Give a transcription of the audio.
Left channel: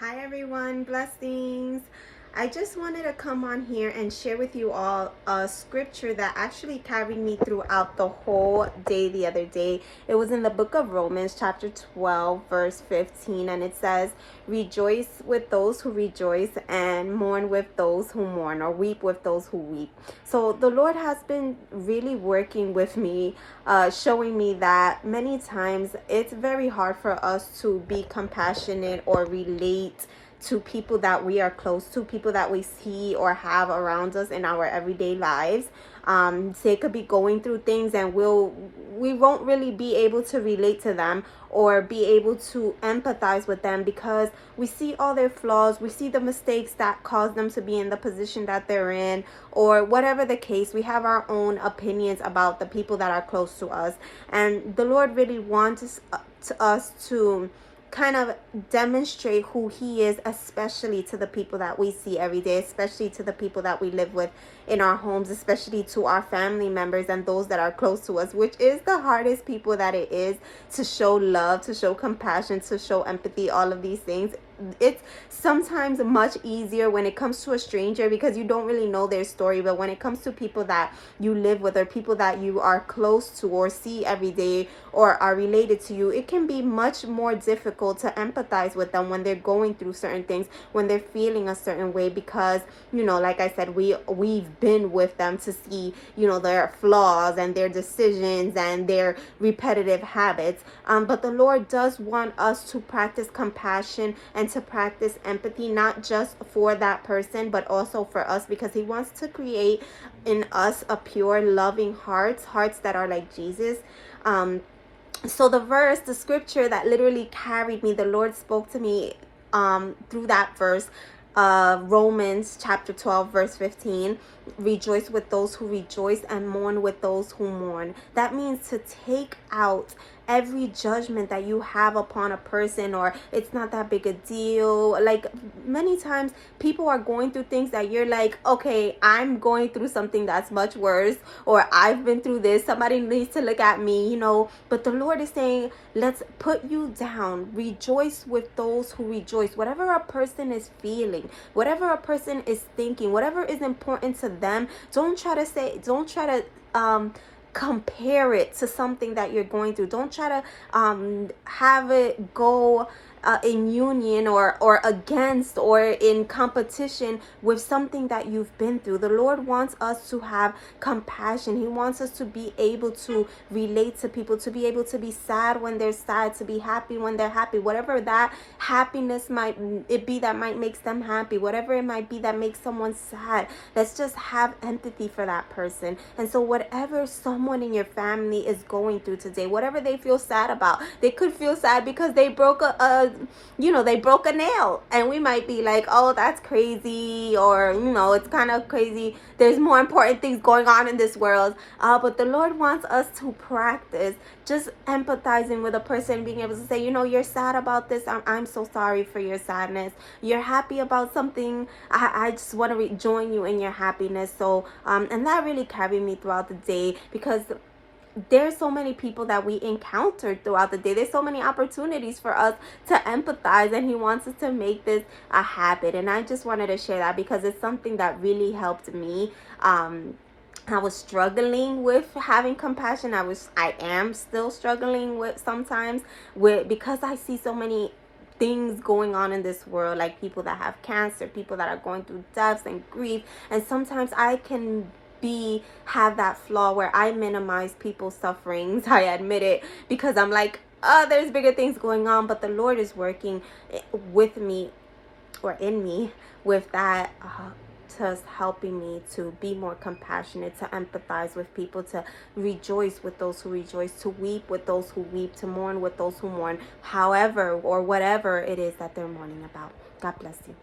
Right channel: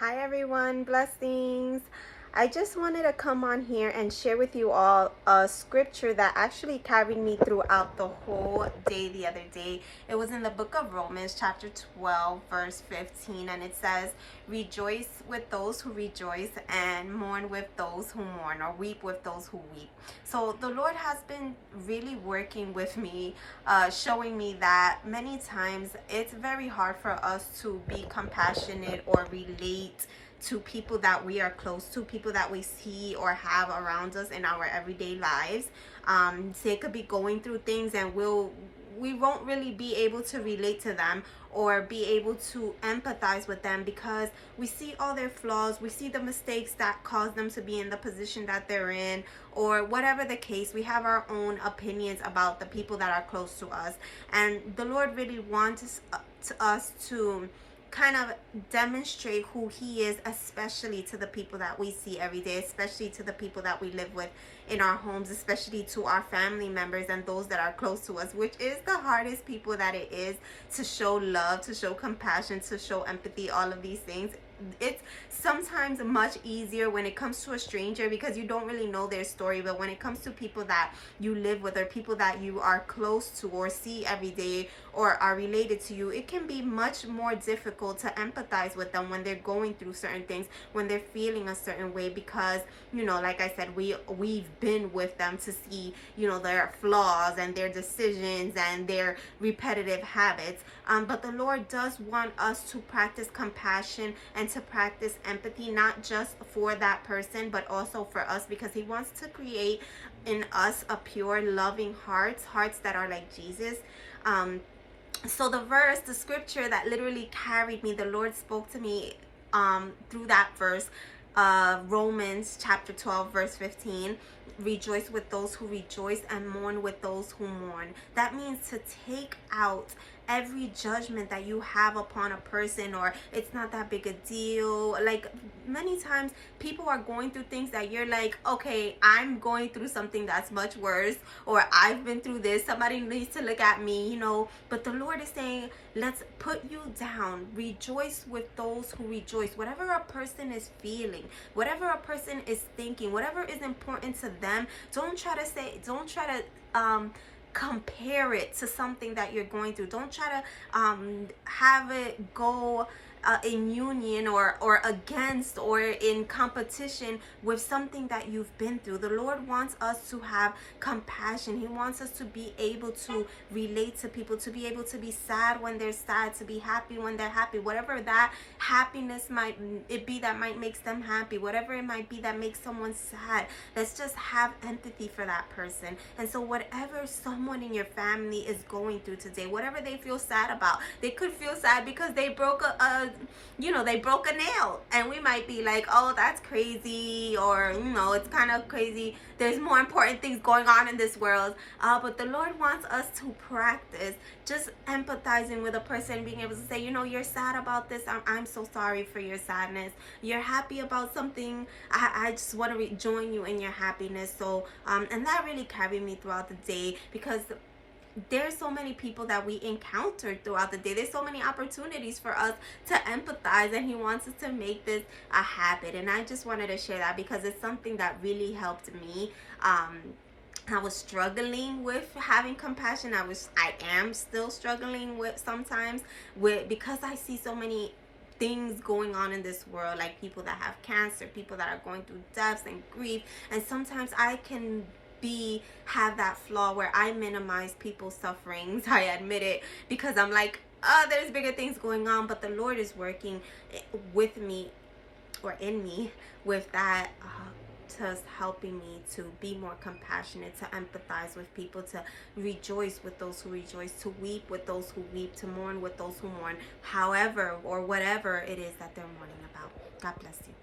Hi everyone, blessings. I just wanted to come on here and share with you all a scripture that actually carried me throughout the whole day the other day. It was in the book of Romans chapter 12 verse 15, and it says, rejoice with those who rejoice and mourn with those who mourn, or weep with those who weep. So the Lord has been really working with me, showing me that many times it's very hard for us to be compassionate or relate to people that we are close to, people that we see or have around us in our everyday lives. They could be going through things, and we won't really be able to relate to them or be able to empathize with them because we see all their flaws, we see the mistakes that cause them to be in the position that they're in, or whatever the case. We have our own opinions about the people that are close to us, and the Lord really wants us to kind of demonstrate who he is, especially to the people that we see every day, especially to the people that we live with in our homes, especially to our family members and those that are close to us, which is the hardest people that it is to show love, to show compassion, to show empathy, all of these things. It's sometimes much easier when it comes to a stranger because you don't really know their story, but when it comes to people that you live with or people that you are close to or see every day or are related to you, it can be much more difficult to empathize with them when they're going through certain things, when they're feeling a certain way, because, you know, like I said, we've been with them to see, you know, their flaws and their decisions and their repetitive habits. But the Lord does want us to practice compassion and to practice empathy, not just for that person, but also for us, because he wants to create in us a pure, loving hearts that are like Jesus. So the scripture that literally carried me, the Lord spoke to me through that verse, Romans chapter 12 verse 15. Rejoice with those who rejoice and mourn with those who mourn. That means to take out every judgment that you have upon a person, or it's not that big a deal. Like, many times people are going through things that you're like, okay, I'm going through something that's much worse, or I've been through this, somebody needs to look at me, you know. But the Lord is saying, let's put you down. Rejoice with those who rejoice. Whatever a person is feeling, whatever a person is thinking, whatever is important to them, don't try to compare it to something that you're going through. Don't try to have it go in union or against or in competition with something that you've been through. The Lord wants us to have compassion. He wants us to be able to relate to people, to be able to be sad when they're sad, to be happy when they're happy, whatever that happiness might it be that might make them happy, whatever it might be that makes someone sad. Let's just have empathy for that person. And so whatever someone in your family is going through today, whatever they feel sad about, they could feel sad because they broke they broke a nail, and we might be like, oh, that's crazy, or, you know, it's kind of crazy, there's more important things going on in this world. But the Lord wants us to practice just empathizing with a person, being able to say, you know, you're sad about this, I'm so sorry for your sadness. You're happy about something, I just want to join you in your happiness. So and that really carried me throughout the day, because there's so many people that we encounter throughout the day. There's so many opportunities for us to empathize, and he wants us to make this a habit. And I just wanted to share that because it's something that really helped me. I was struggling with having compassion. I am still struggling with sometimes because I see so many things going on in this world, like people that have cancer, people that are going through deaths and grief, and sometimes I can have that flaw where I minimize people's sufferings. I admit it, because I'm like, oh, there's bigger things going on. But the Lord is working with me, or in me, with that, just helping me to be more compassionate, to empathize with people, to rejoice with those who rejoice, to weep with those who weep, to mourn with those who mourn, however or whatever it is that they're mourning about. God bless you.